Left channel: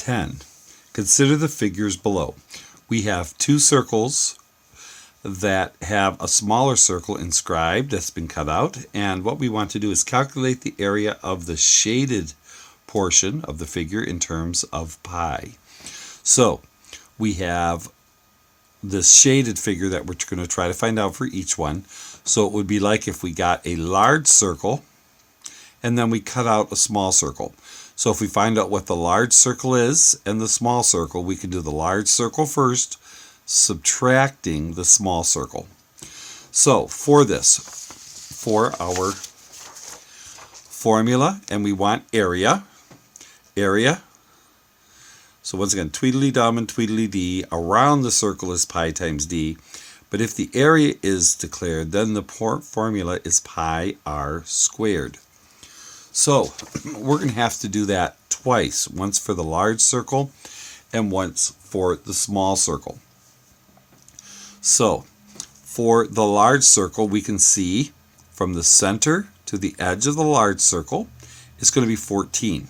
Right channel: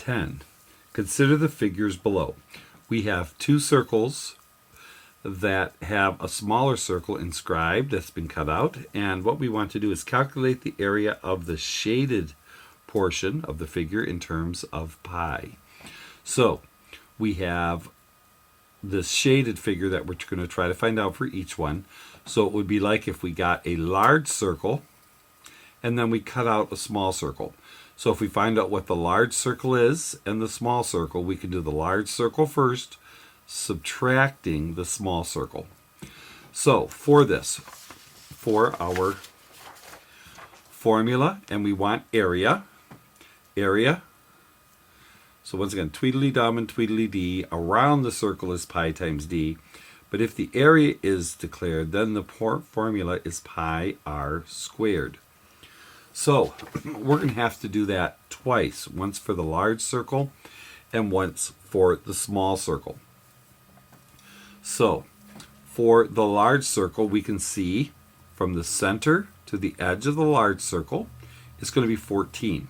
10. Consider the figures below. We have two circles that have a smaller circle inscribed that's been cut out, and what we want to do is calculate the area of the shaded portion of the figure in terms of pi. So we have this shaded figure that we're going to try to find out for each one. So it would be like if we got a large circle and then we cut out a small circle. So if we find out what the large circle is and the small circle, we can do the large circle first, subtracting the small circle. So for this, for our formula, and we want area. So once again, tweedledum and tweedledee, around the circle is pi times d. But if the area is declared, then the formula is pi r squared. So we're going to have to do that twice, once for the large circle and once for the small circle. So for the large circle, we can see from the center to the edge of the large circle, it's going to be 14.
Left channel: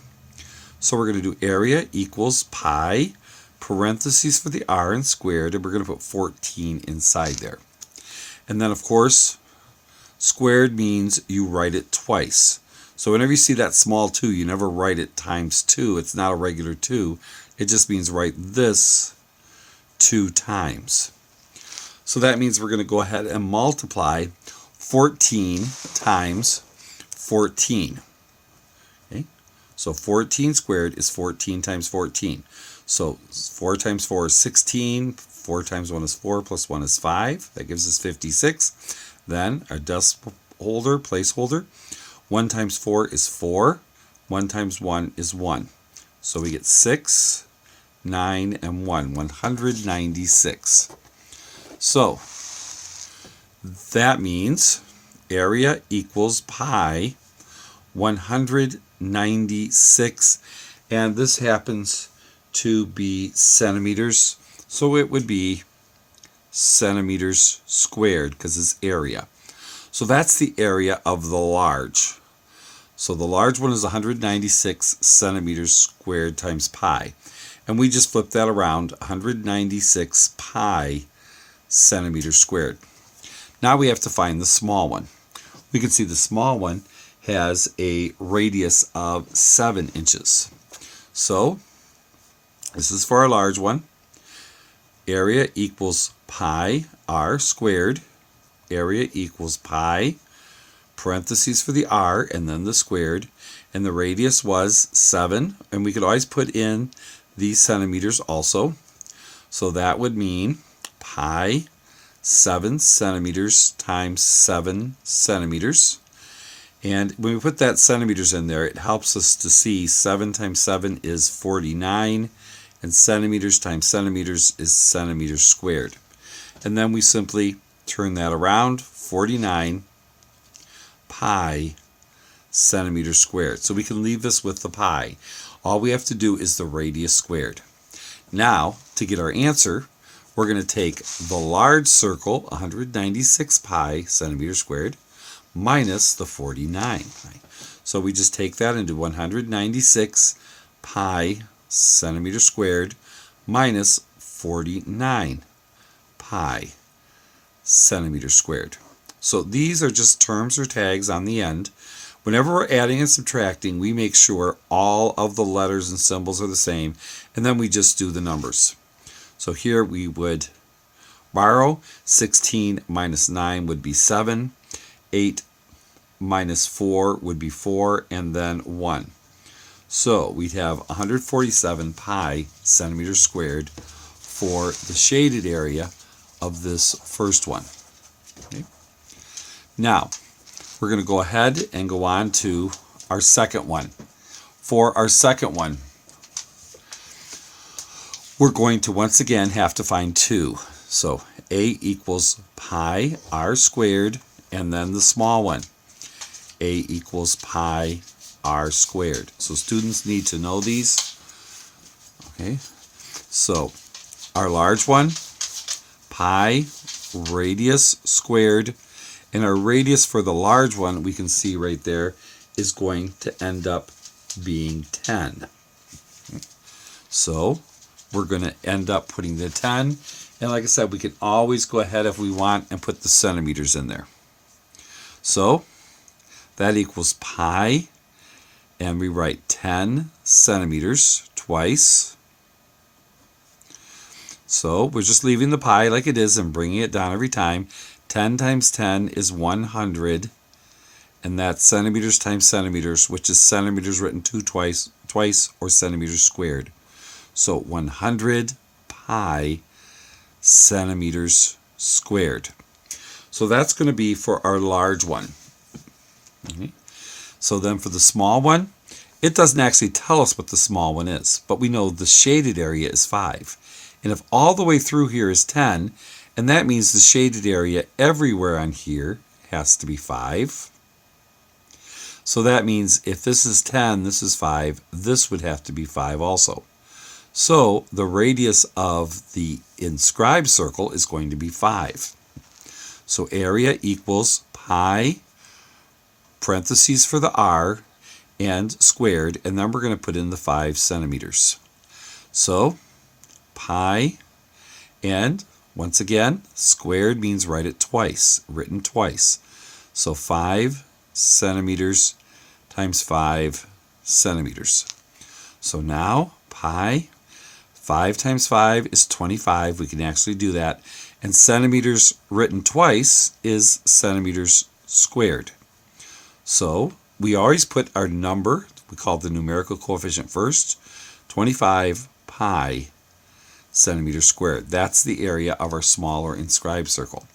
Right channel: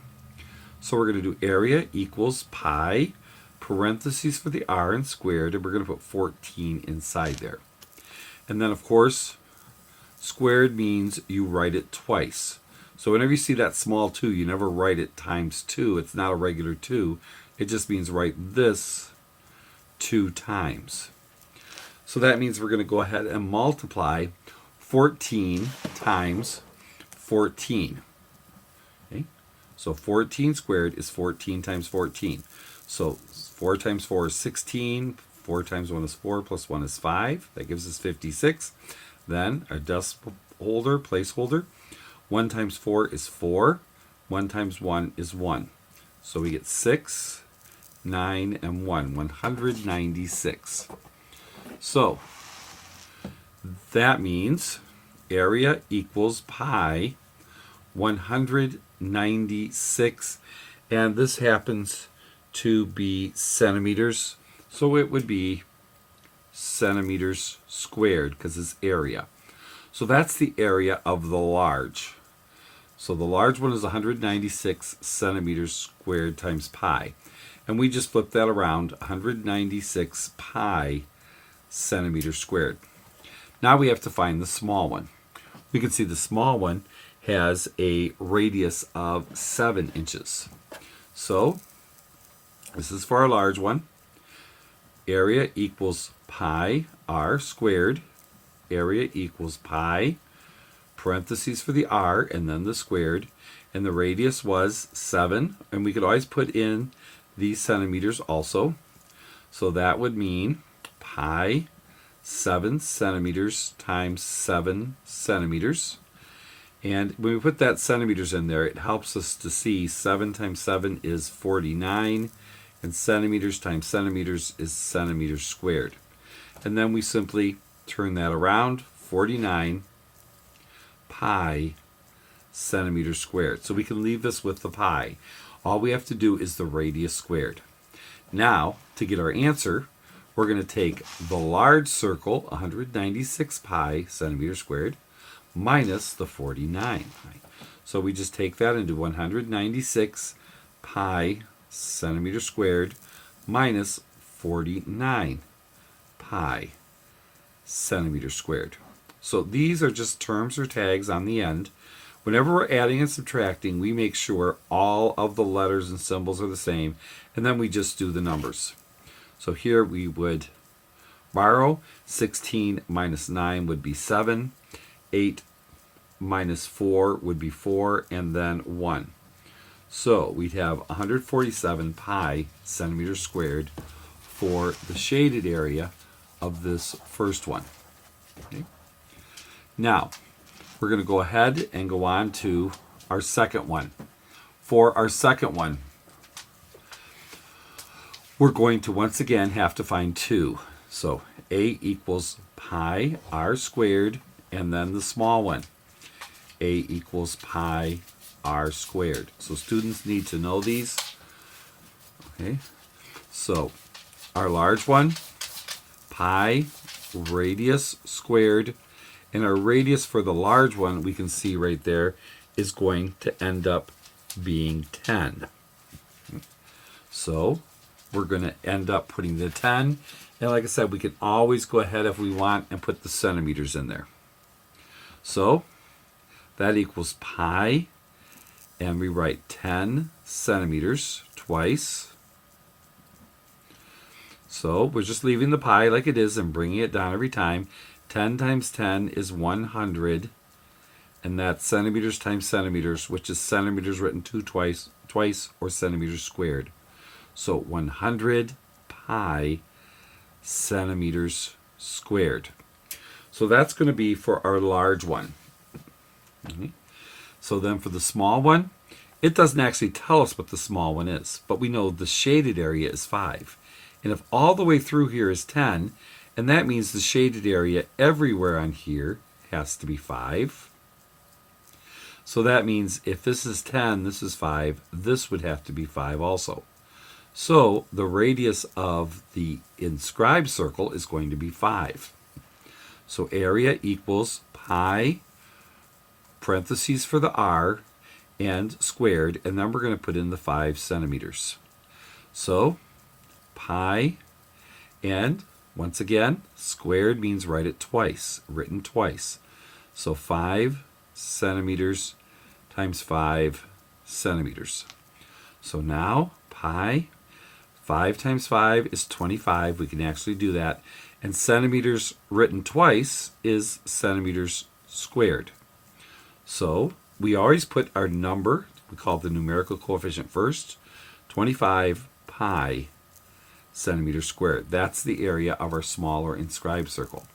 So we're going to do area equals pi, parentheses for the r and squared, and we're going to put 14 inside there. And then, of course, squared means you write it twice. So whenever you see that small 2, you never write it times 2. It's not a regular 2. It just means write this 2 times. So that means we're going to go ahead and multiply 14 times 14. Okay? So 14 squared is 14 times 14. So 4 times 4 is 16. 4 times 1 is 4, plus 1 is 5. That gives us 56. Then our decimal holder, placeholder. 1 times 4 is 4. 1 times 1 is 1. So we get 6, 9, and 1. 196. So that means area equals pi 196. And this happens to be centimeters. So it would be centimeters squared because it's area. So that's the area of the large. So the large one is 196 centimeters squared times pi. And we just flip that around, 196 pi centimeters squared. Now we have to find the small one. We can see the small one has a radius of 7 inches. So this is for our large one. Area equals pi r squared. Area equals pi, parentheses for the r, and then the squared. And the radius was 7. And we could always put in these centimeters also. So that would mean pi 7 centimeters times 7 centimeters. And when we put that centimeters in there, it helps us to see 7 times 7 is 49. And centimeters times centimeters is centimeters squared. And then we simply turn that around, 49 pi centimeters squared. So we can leave this with the pi. All we have to do is the radius squared. Now, to get our answer, we're going to take the large circle, 196 pi centimeters squared, minus the 49. So we just take that and do 196 pi centimeters squared minus 49 pi centimeters squared. So these are just terms or tags on the end. Whenever we're adding and subtracting, we make sure all of the letters and symbols are the same, and then we just do the numbers. So here we would borrow 16 minus 9 would be 7, 8 minus 4 would be 4, and then 1. So we'd have 147 pi centimeters squared for the shaded area of this first one. Okay. Now, we're going to go ahead and go on to our second one. For our second one, we're going to once again have to find 2. So a equals pi r squared, and then the small one. A equals pi r squared. So students need to know these. Okay. So our large one, pi radius squared, and our radius for the large one, we can see right there, is going to end up being 10. Okay. So we're going to end up putting the 10. And like I said, we can always go ahead if we want and put the centimeters in there. So that equals pi. And we write 10 centimeters twice. So we're just leaving the pi like it is and bringing it down every time. 10 times 10 is 100. And that's centimeters times centimeters, which is centimeters written twice, or centimeters squared. So 100 pi centimeters squared. So that's going to be for our large one. Okay. So then for the small one, it doesn't actually tell us what the small one is, but we know the shaded area is 5. And if all the way through here is 10, and that means the shaded area everywhere on here has to be 5. So that means if this is 10, this is 5, this would have to be 5 also. So the radius of the inscribed circle is going to be 5. So area equals pi, parentheses for the r, and squared, and then we're going to put in the 5 centimeters. So pi, and once again, squared means write it twice, written twice. So 5 centimeters times 5 centimeters. So now pi, 5 times 5 is 25. We can actually do that. And centimeters written twice is centimeters squared. So we always put our number, we call the numerical coefficient first, 25 pi centimeters squared. That's the area of our smaller inscribed circle.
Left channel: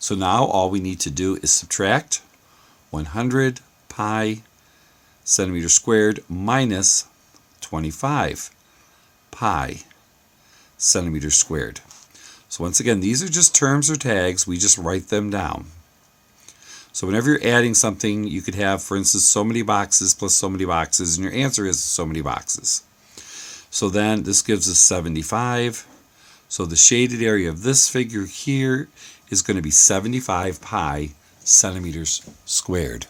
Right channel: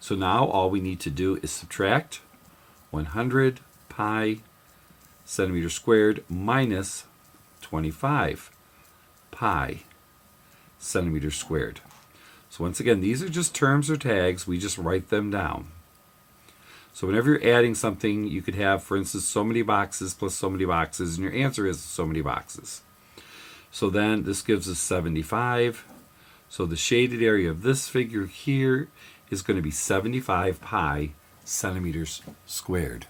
So now all we need to do is subtract 100 pi centimeters squared minus 25 pi centimeters squared. So once again, these are just terms or tags. We just write them down. So whenever you're adding something, you could have, for instance, so many boxes plus so many boxes, and your answer is so many boxes. So then this gives us 75. So the shaded area of this figure here is going to be 75 pi centimeters squared.